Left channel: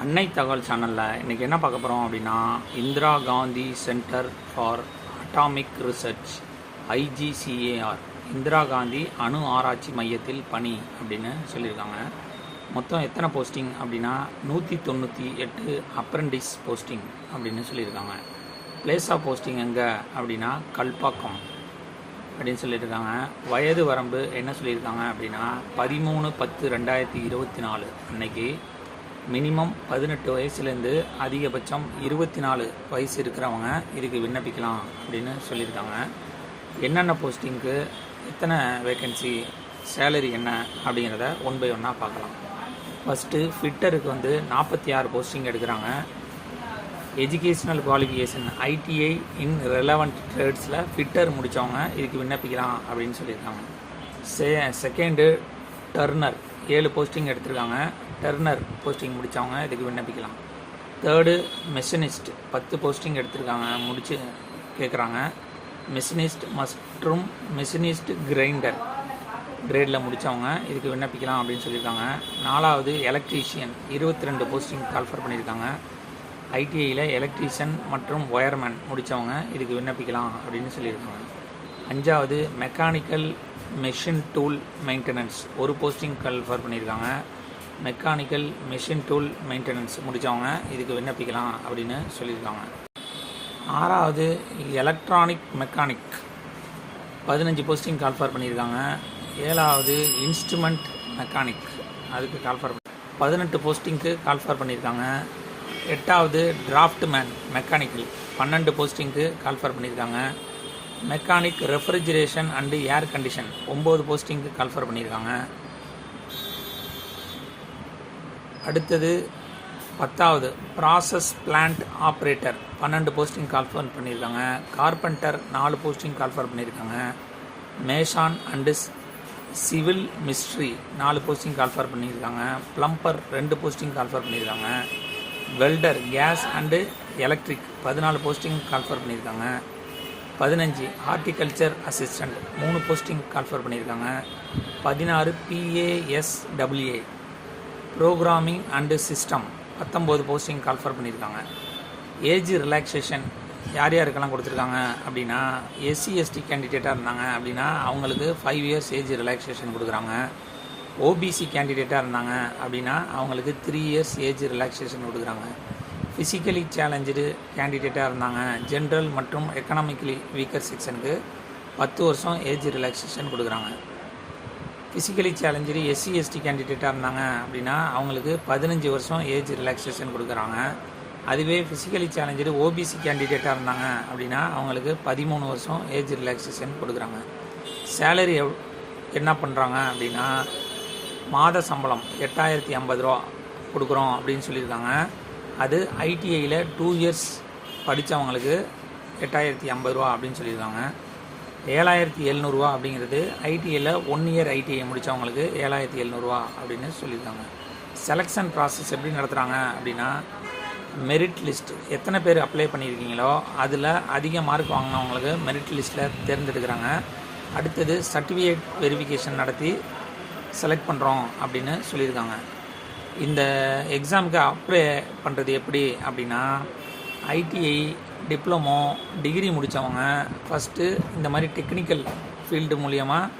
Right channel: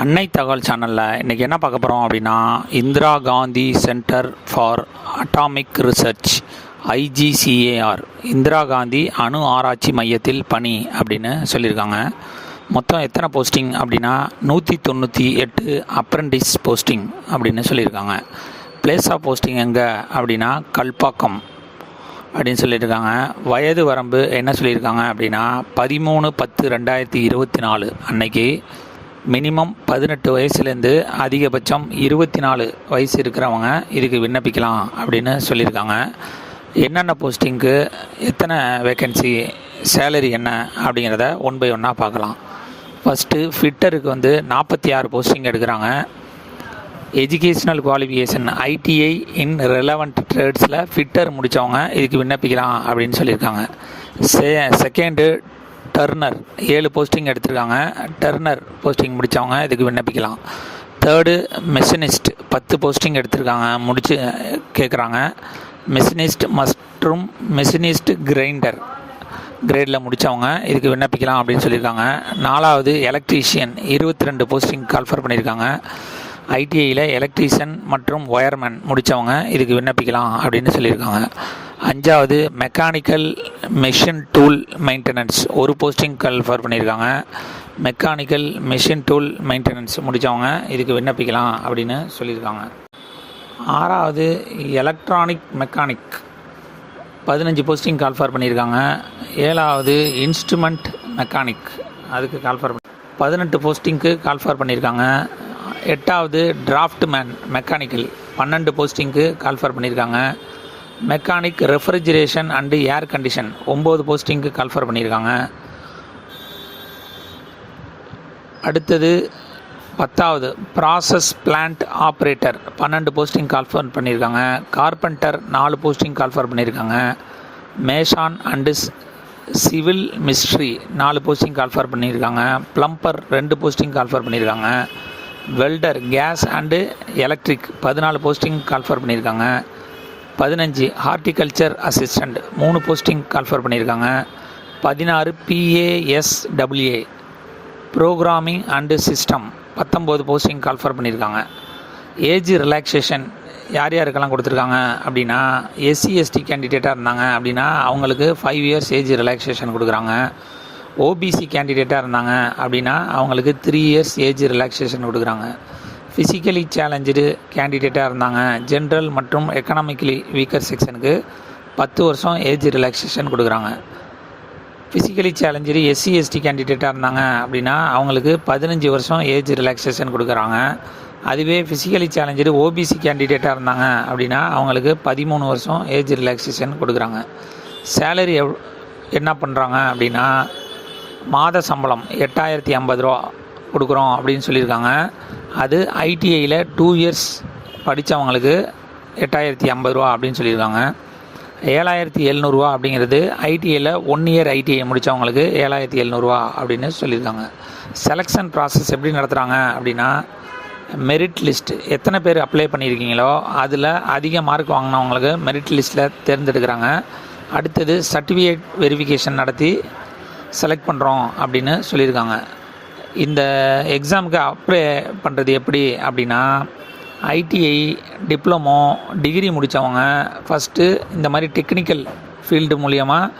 அன்னை தகவல் சேனலில் இன்றைக்கி என்ன பார்க்க போகிறோம் அப்படின்னா, Indira Gandhi centre for atomic research IGCAR Indira Gandhi அணு ஆராய்ச்சி மையத்தில் பணி அப்படின்னு சொல்லியிருக்காங்க. மொத்தம் எத்தனை போஸ்டிங் அப்படின்னா 198 அப்ரெண்டிஸ் போஸ்டிங் அப்படின்னு சொல்லியிருக்காங்க. பிளேஸ் ஆஃப் போஸ்டிங் எங்கே அப்படின்னா கல்பாக்கம் அப்படின்னு சொல்லியிருக்காங்க. வயது வரம்பு என்ன சொல்லியிருக்காங்க அப்படின்னா 13/10/2024 அன்னைக்கு மினிமம் 18 வயசுலேருந்து அதிகபட்சம் 24 வயசு இருக்கிறவங்க இதுக்கு விண்ணப்பிக்கலாம் அப்படின்னு சொல்லியிருக்காங்க. என்னென்ன போஸ்டிங்க்கு எத்தனை வேக்கன்சி, சேலரி என்ன அப்படிங்கிறத ஒன் பை ஒன்னாக பார்க்கலாம். ஃபஸ்ட்டு ஃபிட்டருக்கு 46 போஸ்டிங் எடுக்கிறாங்க. எஜுகேஷ்னல் குவாலிஃபிகேஷன் ஐடிஐ இன் ரெலவெண்ட் ட்ரேட்ஸில் ஃபிட்டர் முடித்தவங்க இதுக்கு விண்ணப்பிக்கலாம் அப்படின்னு சொல்லியிருக்காங்க. செகண்டு டர்னர் 7 போஸ்டிங் எடுத்திருக்காங்க. டர்னர் போஸ்டிங் முடித்தவங்க இதுக்கு விண்ணப்பிக்கலாம். தேர்டு மெஷினிஸ்ட் 10 போஸ்டிங் எடுத்திருக்காங்க, முடித்து கேட்குறாங்க. மெஷினிஸ்ட் மற்றும் மெஷினிஸ்ட் கிரைண்டர் கிரேடில் முடித்தவங்க இதுக்கு விண்ணப்பிக்கலாம் அப்படின்னு சொல்லியிருக்காங்க. நாலாவது எலக்ட்ரீஷியன் 22 போஸ்டிங் கால்ஃபர் பண்ணியிருக்காங்க. ஐடிஐயில் எலக்ட்ரீஷியன் மற்றும் ஒயர்மேன் முடித்தவங்க இதுக்கு விண்ணப்பிக்கலாம் அப்படின்னு சொல்லியிருக்காங்க. அஞ்சாவது mechanical machine tool maintenance 1 posting call for பண்ணியிருக்காங்க. மெக்கானிக்கல் மெஷின் டூல் மெயின்டெனன்ஸ் முடித்தவங்க இதுக்கு விண்ணப்பிக்கலாம் அப்படின்னு சொல்லியிருக்காங்க. ஆறாவது எலக்ட்ரானிக் மெக்கானிக் 15 போஸ்டிங் கால்ஃபர் பண்ணியிருக்காங்க. ஏழாவது இன்ஸ்ட்ருமெண்ட் மெக்கானிக் அதுக்கு கால்ஃபர் 18 போஸ்டிங்க்கு கால்ஃபர் பண்ணியிருக்காங்க. எட்டாவது டிராஃப்ட்மேன் மெக்கானிக்கல் 12 போஸ்டிங்க்கு கால்ஃபர் பண்ணியிருக்காங்க. Mechanic refrigeration and air condition 9 போஸ்டிங்க்கு கால்ஃபர் பண்ணியிருக்காங்க. அடுத்தது 10வது process plant operator 12 posting call for பண்ணியிருக்காங்க. கார்பெண்டர் 4 போஸ்டிங் கால்ஃபர் பண்ணியிருக்காங்க. மேஷான் அண்டு சிவில் மிஸ்ட்ரி 4 போஸ்டிங் கால்ஃபர் பண்ணியிருக்காங்க. ப்ளம்பர் 2 போஸ்டிங் கால்ஃபர் பண்ணியிருக்காங்க. Welder gas and electric 14 posting call for பண்ணியிருக்காங்க. 15 ஹார்டிகல்ச்சர் அசிஸ்டண்ட் 3 போஸ்டிங் கால்ஃபர் பண்ணியிருக்காங்க. 16 PASWA programming and system 19 posting call for பண்ணியிருக்காங்க. Age relaxation யார் யாருக்கெல்லாம் கொடுத்துருக்காங்க அப்படின்னா, எஸ்சி எஸ்டி கேண்டிடேட்டாக இருந்தாங்க அப்படின்னா அவங்களுக்கு 5 இயர்ஸ் ஏஜ் ரிலாக்ஸேஷன் கொடுக்குறாங்க. ஓபிசி கேண்டிடேட்டாக இருந்தாங்க அப்படின்னா அவங்களுக்கு 3 இயர்ஸ் ஏஜ் ரிலாக்ஸேஷன் கொடுக்குறாங்க. ஃபிசிக்கலி சேலஞ்சு கேண்டிடேட்டாக இருந்தாங்க ஜென்ரல் மற்றும் எக்கனாமிக்கலி வீக்கர் செக்ஷனுக்கு 10 வருஷம் ஏஜ் ரிலாக்ஸேஷன் கொடுக்குறாங்க. ஃபிசிக்கலி சேலஞ்சு எஸ்சி எஸ்டி கேண்டிடேட்டாக இருந்தாங்க அப்படின்னா அவங்களுக்கு 15 வருஷம் ஏஜ் ரிலாக்ஸேஷன் கொடுக்குறாங்க. அதுவே ஃபிசிக்கலி சேலஞ்சு ஓபிசி கேண்டிடேட்டாக இருந்தாங்க அப்படின்னா அவங்களுக்கு 13 வருஷம் ஏஜ் ரிலாக்ஸேஷன் கொடுக்குறாங்க. சேலரி என்ன பண்ணுறாங்க அப்படின்னா, மாத சம்பளம் 8050 ரூபா கொடுக்குறோம் அப்படின்னு சொல்லியிருக்காங்க. அது ஐடிஐயில் 2 இயர்ஸ் படித்தவங்களுக்கு 8050 ரூபா அப்படின்னு சொல்லியிருக்காங்க. 7700 ரூபா அப்படிங்கிறது ஐடிஐயில் 1 இயர் ஐடிஐ முடித்தவங்களுக்கு 7700 ரூபா அப்படின்னு சொல்லியிருக்காங்க. செலெக்ஷன் ப்ராசஸ் எப்படி நடத்துகிறாங்க அப்படின்னா, மெரிட் லிஸ்ட் எத்தனை பேர் அப்ளை பண்ணியிருக்கீங்களோ அதில் அதிக மார்க் வாங்கினவங்களுக்கு மெரிட் லிஸ்ட்டில் தேர்ந்தெடுக்கிறாங்க. அடுத்தது சர்டிஃபிகேட் வெரிஃபிகேஷன் நடத்தி செலக்ட் பண்ணுறோம் அப்படின்னு சொல்லியிருக்காங்க. இந்த எக்ஸாமுக்கு அப்ளை பண்ணுறது எப்படி அப்படின்னா, ஐடிஐ டிப்ளமோ டிகிரி முடித்தவங்க ஃபஸ்ட்டு இந்த மாதிரி டெக்னிக்கல் ஃபீல்டு மூலியமாக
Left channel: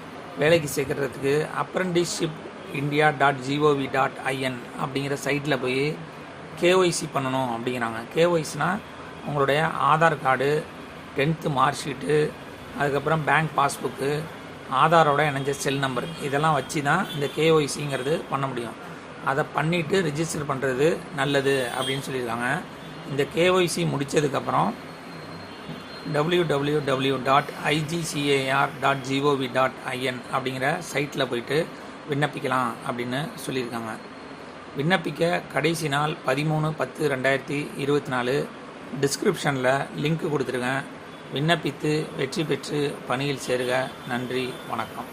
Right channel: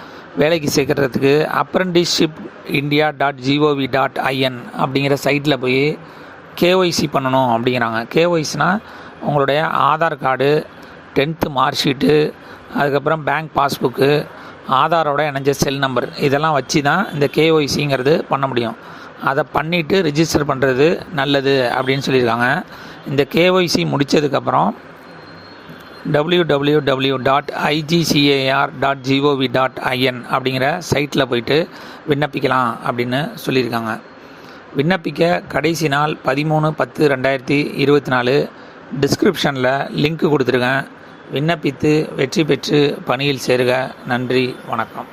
வேலைக்கு சேர்க்குறதுக்கு அப்ரெண்டிஸ்ஷிப் india.gov.in அப்படிங்கிற சைட்டில் போய் கேஒய்சி பண்ணணும் அப்படிங்கிறாங்க. கேஒய்சினால் உங்களுடைய Aadhaar card, 10th mark sheet, அதுக்கப்புறம் பேங்க் பாஸ்புக்கு, ஆதாரோட இணைஞ்ச செல் நம்பர் இதெல்லாம் வச்சு தான் இந்த கேஒய்சிங்கிறது பண்ண முடியும். அதை பண்ணிவிட்டு ரிஜிஸ்டர் பண்ணுறது நல்லது அப்படின்னு சொல்லியிருக்காங்க. இந்த கேஒய்சி முடித்ததுக்கப்புறம் www.igcar.gov.in அப்படிங்கிற சைட்டில் போயிட்டு விண்ணப்பிக்கலாம் அப்படின்னு சொல்லியிருக்காங்க. விண்ணப்பிக்க கடைசி நாள் 13/10/2024. டிஸ்கிரிப்ஷனில் லிங்க் கொடுத்துருக்கேன். விண்ணப்பித்து வெற்றி பெற்று பணியில் சேருக. நன்றி, வணக்கம்.